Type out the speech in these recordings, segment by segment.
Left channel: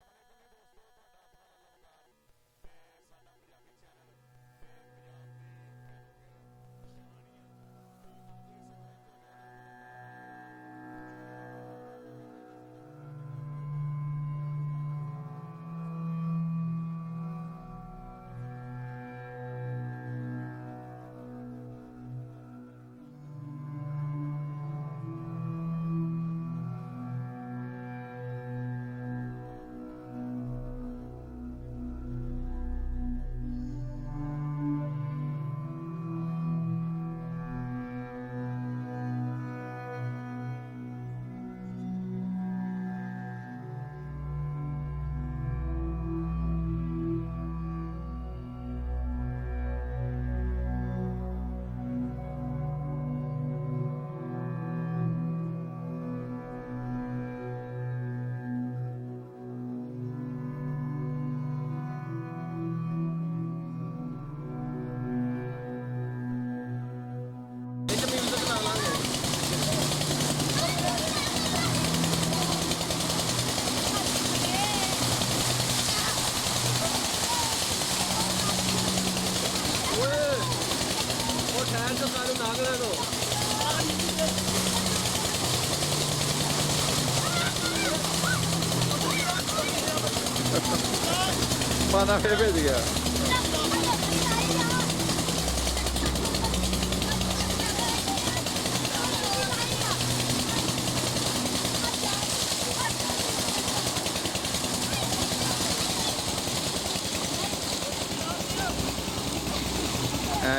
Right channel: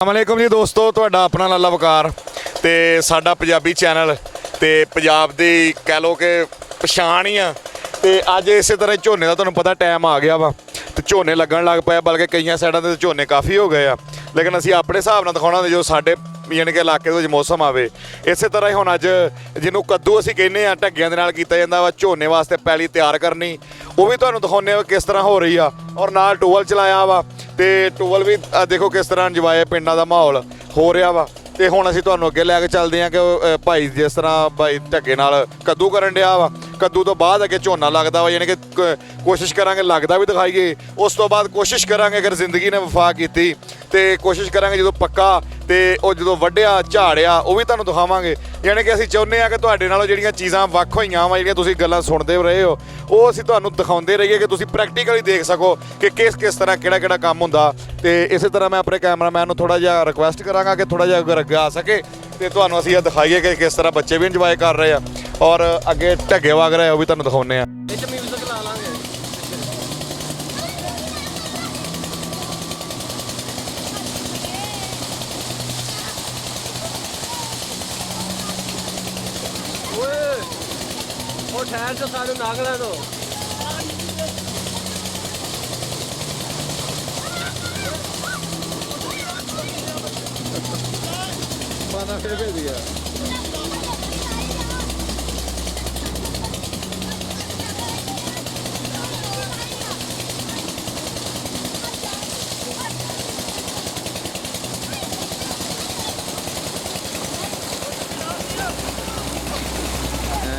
अस्सलामुअलैकुम जी दोस्तों, ਤੁਹਾਡਾ ਆਪਣਾ ਲਾਲਾ ਵਕਾਰ ਤੇ ਸਾਡਾ ਪੰਜਾਬੀ ਚੈਨਲ ਤੇ ਪੰਜਾਬ ਦੀ ਕਹਿ ਲੋ ਕਿ ਪਛਾਣ ਹੀ ਆ। ਤੇ ਅੱਜ ਇਸੇ ਤਰ੍ਹਾਂ ਝੋਨੇ ਦਾ ਤੁਹਾਨੂੰ ਪਤਾ ਟਾਈਮ ਆ ਗਿਆ ਵਾ ਤੇ ਝੋਨੇ ਲੱਗਣ ਲੱਗ ਪਏ, ਬਲਕਿ ਕਈਆਂ ਸਾਈਡਾਂ ਤੇ ਝੋਨੇ ਕਾਫੀ ਹੋ ਗਏ ਆ। ਲੇਕਿਨ ਅਸੀਂ ਆਪਣੇ ਹਿਸਾਬ ਨਾਲ ਦਿਖਾਉਣਾ ਜੋ ਸਾਡੇ ਯਾਨੀ ਕਿ ਇਲਾਕੇ ਦੇ ਵਿੱਚ ਮੌਸਮ ਆਵੇ। ਇਸੇ ਤਰ੍ਹਾਂ ਹੀ ਹੁਣ ਅੱਜ ਜਿਹਨੂੰ ਕੱਦੂ ਅਸੀਂ ਕਹਿੰਦੇ ਆ, ਢੱਗਿਆਂ ਦੇ ਨਾਲ ਕੀਤਾ ਜਾਂਦਾ ਵਾ। ਝੋਨੇ ਵਾਸਤੇ ਪੈਲੀ ਤਿਆਰ ਕਰਨੀ, ਉਹ ਵੀ ਤੁਹਾਨੂੰ ਦਿਖਾਉਂਦੇ ਆ ਕਿਸ ਤਰ੍ਹਾਂ ਹੋ ਰਹੀ ਆ। ਔਰ ਨਾਲ ਟੂਵਲ ਚਲਾਇਆ ਵਾ ਤੇ ਟੂਵਲ ਵੀ ਦੇਖੋ ਕਿਸ ਤਰ੍ਹਾਂ ਇੰਜੋਏ ਪਿੰਡਾਂ ਦਾ ਮਾਹੌਲ ਹੋ ਰਿਹਾ ਵਾ। ਤੇ ਹੁਣ ਅਸੀਂ ਤੁਹਾਨੂੰ ਅੱਗੇ ਲੈ ਕੇ ਚੱਲਦੇ ਹਾਂ ਕਿ ਭਾਈ ਜਿਸ ਤਰ੍ਹਾਂ ਭਾਈ ਢੱਗੇ ਨਾਲ ਕੱਦੂ ਕਰਨ ਡਿਆ ਵਾ। ਕੱਦੂ ਤੋਂ ਬਾਅਦ ਅੱਗੇ ਝੋਨਾ ਲੱਗਦਾ ਵਾ, ਯਾਨੀ ਕਿ ਕੋਸ਼ਿਸ਼ ਕਰਾਂਗੇ ਲੱਗਦਾ ਵੀ ਦਿਖਾਈਏ। ਉਸ ਤੋਂ ਬਾਅਦ ਕੋਸ਼ਿਸ਼ ਕਰਾਂਗੇ ਅਗਰ ਜ਼ਿੰਦਗੀ ਨੇ ਵਫਾ ਕੀਤੀ ਤੇ ਕੋਸ਼ਿਸ਼ ਕਰਾਂਗੇ ਜਦੋਂ ਪੱਕਾ ਤੇ ਉਹ ਜਦੋਂ ਵੱਢਿਆ ਝਾੜਿਆ ਉਹ ਵੀ ਤੁਹਾਨੂੰ ਦਿਖਾਵਾਂਗੇ। ਯਾਨੀ ਕਿ ਅਸੀਂ ਚਾਹੁੰਦੇ ਹਾਂ ਕਿ ਤੁਹਾਡੇ ਨਾਲੋਂ ਜਿਹੜੀਆਂ ਚੀਜ਼ਾਂ ਵੱਖ ਹੋਈਆਂ ਵਾ, ਜਿਹੜੀਆਂ ਤੁਸੀਂ ਗੱਲਾਂ ਸੁਣਦੇ ਰਹੇ ਹੋ, ਉਹ ਅਸੀਂ ਤੁਹਾਨੂੰ ਦਿਖਾਉਂਦੇ ਰਹੀਏ ਕਿ ਤੁਸੀਂ ਪ੍ਰੈਕਟੀਕਲੀ ਦੇਖ ਸਕੋ ਕਿ ਕਿਸ ਤਰ੍ਹਾਂ ਕਿਹੜਾ ਕੰਮ ਹੁੰਦਾ। ਤੇ ਇਸੇ ਤਰ੍ਹਾਂ ਮੈਂ ਆਪਣੇ ਕੈਮਰਾਮੈਨ ਨੂੰ ਥੋੜ੍ਹਾ ਜਿਹਾ ਰਿਕੁਐਸਟ ਕਰਾਂਗਾ ਕਿ ਥੋੜ੍ਹਾ ਜਿਹਾ ਅਗਰ ਅੱਗੇ ਆ ਸਕੇ ਤੇ ਤੁਹਾਨੂੰ ਅਸੀਂ ਇਹ ਦਿਖਾਈਏ ਕਿ ਕਿਸ ਤਰ੍ਹਾਂ ਬੱਚੇ ਵੀ ਇੰਜੋਏ ਕਰ ਰਹੇ ਆ ਔਰ ਅੱਗੇ ਢੱਗੇ ਵਗ ਰਹੇ ਉਹ ਵੀ ਤੁਹਾਨੂੰ ਦਿਖਾਉਂਦੇ ਆ। ठहर तो सारे नागला दो माना फिर भेज गया।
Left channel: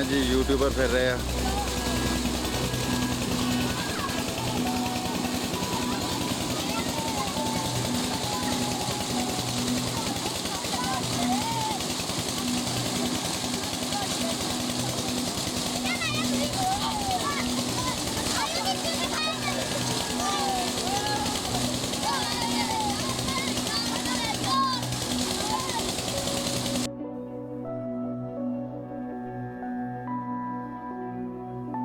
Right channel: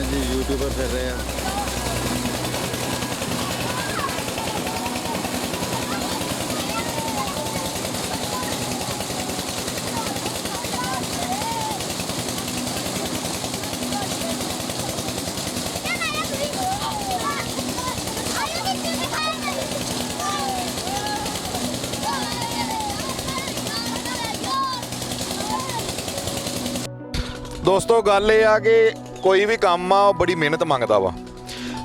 जी यूट्यूबर फिर रहे हैं। ਦੋਸਤੋ ਗੱਲ ਇਹ ਆ ਕਿ ਕੋਈ ਵੀ ਕੰਮ ਆ ਉਹ ਬੜੀ ਮਿਹਨਤ ਮੰਗਦਾ ਵਾ।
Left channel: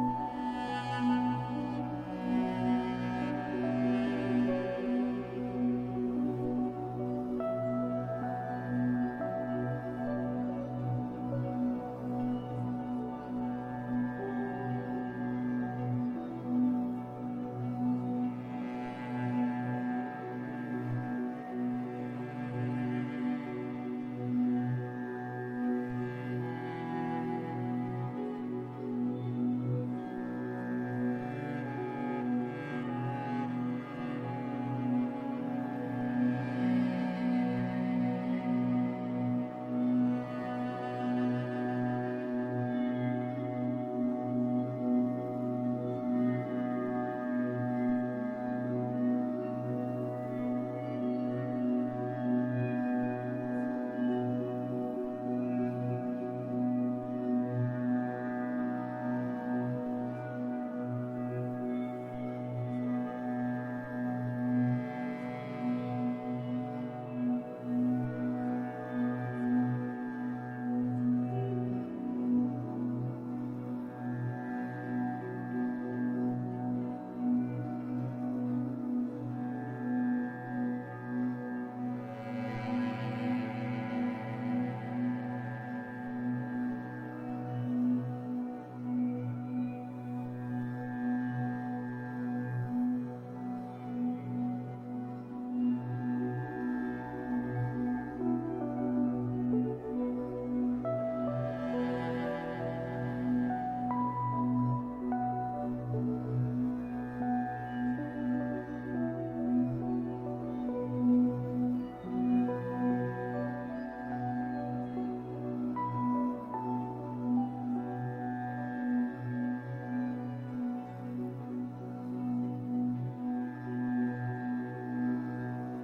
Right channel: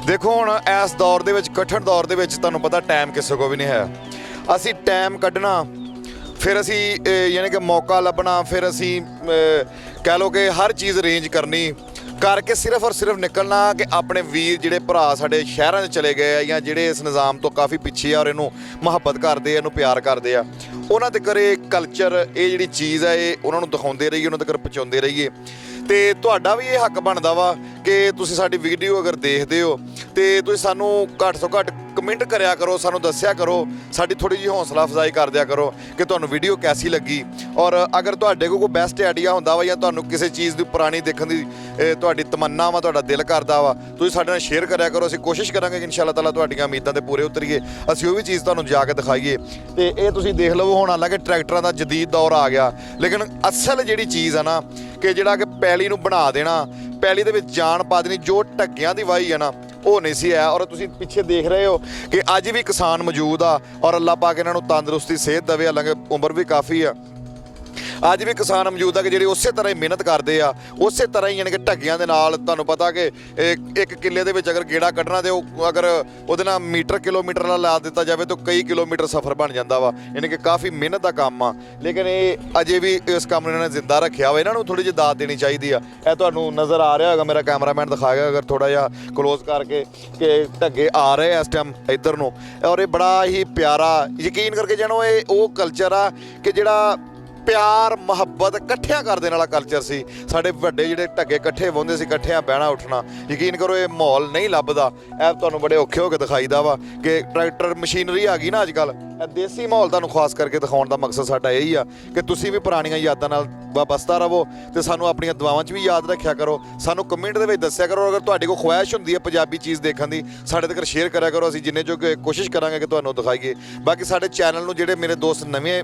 ਦੇਖੋ ਹੁਣ ਇਸ ਦੌਰ ਦੇ ਵਿੱਚ, ਕਠਿਨ ਦੌਰ ਦੇ ਵਿੱਚ ਤੁਹਾਨੂੰ ਪਤਾ ਟਾਈਮ ਕਿਸੇ ਕੋਲ ਵੀ ਨਹੀਂ ਹੈ। ਅਸੀਂ ਟਾਈਮ ਕੱਢਣਾ, ਫਿਰ ਅਸੀਂ ਯਾਨੀ ਕਿ ਮੌਕਾ ਲੱਭਣਾ, ਫਿਰ ਅਸੀਂ ਕਹਿ ਲਓ ਕਿ ਹਰ ਚੀਜ਼ ਅਰੇਂਜ ਕਰਨੀ ਕਰਕੇ ਸਿਰਫ ਔਰ ਸਿਰਫ ਨਿਕਲਣਾ ਕਿ ਆਪਣੇ ਵੀਰ ਜਿਹੜੇ ਭਰਾ ਸਾਡੇ ਸ਼ਹਿਰਾਂ 'ਚ ਚਲੇ ਗਏ ਆ ਜਾਂ ਜਿਹੜੇ ਇਸ ਨਿਜ਼ਾਮ ਤੋਂ ਕਾਫੀ ਪਿੱਛੇ ਆ ਔਰ ਇਹਨੂੰ ਮੁਹੱਬਤ ਕਰਦੇ ਆ, ਇਹਨੂੰ ਪਿਆਰ ਕਰਦੇ ਆ, ਉਹਨਾਂ ਦੇ ਘਰੇ ਕਲਚਰ ਇਹ ਜਿਹੜੀ ਚੀਜ਼ ਹੈ ਇਹ ਉਹਨਾਂ ਨੂੰ ਦਿਖਾਉਂਦੇ ਰਹੀਏ, ਉਹਨਾਂ ਦੇ ਘਰ ਪਹੁੰਚਾਉਂਦੇ ਰਹੀਏ। ਤੇ ਤੁਹਾਡਾ ਵੀ ਇਹ ਹੱਕ ਬਣਦਾ ਵਾ ਕਿ ਤੁਸੀਂ ਸਾਡੀ ਵੀਡੀਓ ਅਗਰ ਦੇਖਦੇ ਹੋ ਤੇ ਤੁਸੀਂ ਸਾਨੂੰ ਘੱਟ ਤੋਂ ਘੱਟ ਕਮੈਂਟ ਕਰਿਆ ਕਰੋ, ਸਾਨੂੰ ਦੱਸਿਆ ਕਰੋ, ਸਾਡੀ ਥੋੜੀ ਜਿਹੀ ਹੌਸਲਾ ਅਫਜ਼ਾਈ ਕਰ ਦਿਆ ਕਰੋ ਕਿ ਤੁਹਾਨੂੰ ਵੀਡੀਓ ਕੈਸੀ ਲੱਗੀ। ਔਰ ਅਗਰ ਤੁਹਾਡੇ ਕੋਲ ਕੋਈ ਬੈਸਟ ਆਈਡੀਆ ਹੁੰਦਾ ਵਾ ਜਾਂ ਤੁਹਾਨੂੰ ਕਿਸੇ ਚੀਜ਼ ਦੀ ਪੁਰਾਣੀ ਦੇਖਣ ਦੀ ਤੁਹਾਡੀ ਤਮੰਨਾ ਵਾ, ਤੁਹਾਡਾ ਦਿਲ ਕਰਦਾ ਵਾ, ਤੁਸੀਂ ਸਾਡੇ ਨਾਲ ਸ਼ੇਅਰ ਕਰਿਆ ਕਰੋ। ਅਸੀਂ ਕੋਸ਼ਿਸ਼ ਕਰਾਂਗੇ ਕਿ ਇਨਸ਼ਾ ਅੱਲਾਹ ਤਾਲਾ ਤੁਹਾਡੀਆਂ ਉਮੀਦਾਂ ਤੇ ਪੂਰੇ ਉਤਰੀਏ, ਅਸੀਂ ਉਹ ਵੀ ਚੀਜ਼ ਤੁਹਾਨੂੰ ਜਾ ਕੇ ਦਿਖਾਈਏ। ਤੇ ਇਹ ਤੁਸੀਂ ਦੇਖ ਲਵੋ ਹੁਣ ਹਾਲਾਂਕਿ ਟਰੈਕਟਰਾਂ ਦਾ ਜਦੀਦ ਦੌਰ ਆ ਗਿਆ, ਲੇਕਿਨ ਅਸਲ ਜਿਹੜੀ ਚੀਜ਼ ਆ ਨਾ ਕਿ ਜਿਹੜਾ ਕਿ ਪੈਲੀ ਨੂੰ ਬਣਾ ਦੇਣਾ, ਪੈਲੀ ਦੇ ਵਿੱਚ ਜਾਨ ਪਾ ਦੇਣੀ, ਜੋ ਢੱਗਿਆਂ ਦੀ ਵਾਹੀ ਆ ਨਾ ਉਹ ਨਹੀਂ ਸੀ ਹੈ। ਔਰ ਤੁਸੀਂ ਪਿੱਛੇ ਦੇਖ ਰਹੇ ਹੋ ਕਿ ਅੱਜ ਵੀ ਕਿਸਾਨ ਮੌਜੂਦ ਆ ਔਰ ਅੱਲਾਹ ਪਾਕ ਇਹਨਾਂ ਨੂੰ ਤੰਦਰੁਸਤੀ ਸਿਹਤ ਦੇਵੇ, ਹਾਲਾਂਕਿ ਉਮਰ ਵੀ ਕਾਫੀ ਆ। ਅੱਜ ਵੀ ਕਿਸਾਨ ਮੌਜੂਦ ਆ ਕਿ ਜਿਹੜੇ ਉਸੇ ਤਰ੍ਹਾਂ ਹੀ ਮਿਹਨਤ ਕਰਦੇ ਆ, ਉਸੇ ਤਰ੍ਹਾਂ ਹੀ ਯਾਨੀ ਕਿ ਢੱਗਿਆਂ ਦੇ ਨਾਲ। ਤੁਹਾਨੂੰ ਪਤਾ ਕਿ ਇੱਕ ਕਿੱਲੇ ਦੇ ਵਿੱਚ ਅਗਰ ਗੇੜਾ ਕੱਢਣਾ ਤੇ ਉਹ ਅਗਰ ਉਹਦੇ ਨਾਲ ਕਿਲੋਮੀਟਰ ਨਾਲ ਲਾ ਦਿੱਤਾ ਜਾਵੇ ਤਾਂ ਕਈ ਕਿਲੋਮੀਟਰ ਸਫ਼ਰ ਬਣ ਜਾਂਦਾ ਵਾ। ਯਾਨੀ ਕਿ ਕਾਫੀ ਮਿਹਨਤ ਦਾ ਕੰਮ ਆ, ਲੇਕਿਨ ਇਹ ਅਜੇ ਵੀ ਇਸ ਕੰਮ ਨੂੰ ਇਹਨਾਂ ਨੇ ਜ਼ਿੰਦਾ ਰੱਖਿਆ ਵਾ। ਇਹਨਾਂ ਨੂੰ ਥੋੜ੍ਹੀ ਜਿਹੀ ਦਾਤ ਦੇਣੀ ਚਾਹੀਦੀ ਆ। ਇਹ ਤੁਹਾਨੂੰ ਨਜ਼ਰ ਆ ਰਿਹਾ ਹੋਗਾ, ਮੇਰਾ ਕੈਮਰਾਮੈਨ ਦਿਖਾਏਗਾ ਅਗਰ ਥੋੜ੍ਹਾ ਜਿਹਾ ਕਲੋਜ਼ ਕਰਕੇ ਕਿ ਢੱਗੇ ਆ ਰਹੇ ਇਸ ਟਾਈਮ ਇੱਧਰ ਨੂੰ। ਔਰ ਇਹ ਬੜਾ ਹੀ ਪਿਆਰਾ, ਯਕੀਨ ਕਰਕੇ ਜਾਣੋ ਇਹ ਉਹ ਕਲਚਰ ਆ ਕਿ ਜਿਹੜਾ ਪਿਆਰ ਮੁਹੱਬਤ ਇਕੱਠਿਆਂ ਕਰ ਦੇਣ ਵਾਲਾ ਕਲਚਰ ਸੀ। ਸਾਡੇ ਵੱਡੇ ਜਿਹੜੇ ਢੱਗੇ ਇਕੱਠੇ ਬਹਿੰਦੇ ਸੀ, ਇਕੱਠਿਆਂ ਬਹਿਣਾ ਉੱਠਣਾ। ਯਕੀਨ ਕਰੋ ਇਹ ਮਾਹੌਲ ਨਹੀਂ ਲੱਭਦਾ। ਇਹ ਤੁਹਾਨੂੰ ਬੜੇ ਔਖੇ ਹੋ ਕੇ ਦਿਖਾਈਦਾ ਵਾ ਕਿ ਟਰੈਕਟਰ ਮਸ਼ੀਨਰੀ ਆ ਗਈ ਨਾ ਅੱਜ ਕੱਲ੍ਹ। ਇਹ ਦੇਸੀ ਮਾਹੌਲ ਤੁਹਾਨੂੰ ਖਾਸ ਕਰਕੇ ਦਿਖਾਉਣ ਦਾ ਮਕਸਦ ਸਾਡਾ ਇਹੀ ਆ ਕਿ ਤੁਸੀਂ ਵੀ ਪੁਰਾਣੀਆਂ ਯਾਦਾਂ ਨਾਲ ਵਾਬਸਤਾ ਰਹੋ ਤੇ ਸਾਨੂੰ ਆਪਣੀਆਂ ਦੁਆਵਾਂ 'ਚ ਵੀ ਯਾਦ ਰੱਖਿਆ ਕਰੋ। ਸਾਨੂੰ ਕਮੈਂਟ ਦੇ ਵਿੱਚ ਦੱਸਿਆ ਕਰੋ ਅਗਰ ਤੁਹਾਡੇ ਕੋਲ ਖੁਆਇਸ਼ ਹੁੰਦੀ ਹੈ ਪੰਜਾਬੀ ਚੀਜ਼ ਦੇਖਣ ਦੀ, ਸਾਡੇ ਤੱਕ ਸ਼ੇਅਰ ਕਰਿਆ ਕਰੋ। ਅਸੀਂ ਜਿੰਨੇ ਜੋ ਕੋਸ਼ਿਸ਼ ਕਰਾਂਗੇ ਕਿ ਤੁਹਾਨੂੰ ਦਿਖਾਈਏ। ਬਾਕੀ ਸਾਡੇ ਚੈਨਲ ਨੂੰ ਜਿਹੜੇ ਮੇਰੇ ਦੋਸਤ ਨਵੇਂ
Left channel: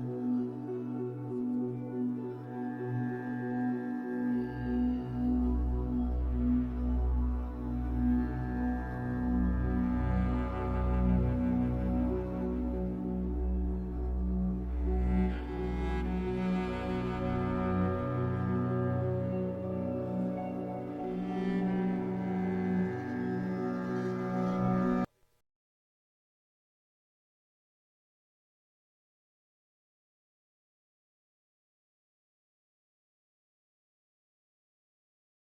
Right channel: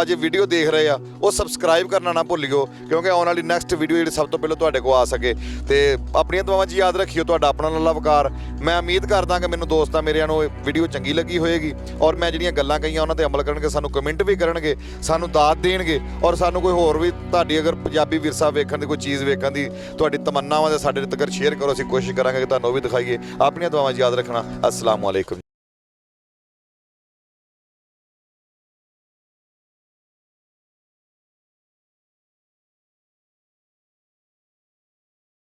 ਅੱਜ ਵੀਡੀਓ ਦੇਖ ਰਹੇ ਆ ਉਹ ਸਬਸਕ੍ਰਾਈਬ ਕਰਨਾ ਨਾ ਭੁੱਲਿਓ, ਕਿਉਂਕਿ ਆਉਣ ਵਾਲੀ ਨੈਕਸਟ ਵੀਡੀਓ ਜਿਹੜੀ ਸਭ ਤੋਂ ਪਹਿਲਾਂ ਤੁਹਾਡੇ ਕੋਲ ਆ ਸਕੇ। ਤੇ ਆਪਣੀਆਂ ਦੁਆਵਾਂ 'ਚ ਯਾਦ ਰੱਖਿਓ। ਤੁਹਾਡਾ ਆਪਣਾ ਲਾਲਾ ਵਕਾਰ। ਮੈਂ ਉਮੀਦ ਕਰਦਾ ਕਿ ਮੈਨੂੰ ਦੋਸਤਾਂ ਮੇਰਿਆਂ ਨੂੰ ਵੀਡੀਓ ਚੰਗੀ ਲੱਗੀ ਹੋਏਗੀ ਔਰ ਮੈਂ ਜਿਹੜੀਆਂ ਗੱਲਾਂ ਕਹੀਆਂ ਉਹਨਾਂ ਤੇ ਅਮਲ ਕਰਨਗੇ, ਸਾਨੂੰ ਕਮੈਂਟ ਵੀ ਕਰਨਗੇ, ਸਾਨੂੰ ਦਾਤ ਦੇਣਗੇ ਔਰ ਸਾਨੂੰ ਕੋਈ ਹੋਰ ਵੀ ਤੁਹਾਡੀ ਅਗਰ ਪੰਜਾਬੀ ਵਿਰਸਾ ਵੇਖਣ ਦੀ ਕੋਈ ਚੀਜ਼ ਵੇਖਣ ਦੀ ਤੁਹਾਡੀ ਤਮੰਨਾਵਾਂ ਦੇ ਸਾਡੇ ਤੱਕ ਸ਼ੇਅਰ ਕਰੋ। ਅਸੀਂ ਕੋਸ਼ਿਸ਼ ਕਰਾਂਗੇ ਕਿ ਤੁਹਾਨੂੰ ਉਹ ਵੀ ਦਿਖਾਈਏ। ਆਪਣੀਆਂ ਦੁਆਵਾਂ 'ਚ ਯਾਦ ਰੱਖਣਾ। अस्सलाम वालेकुम।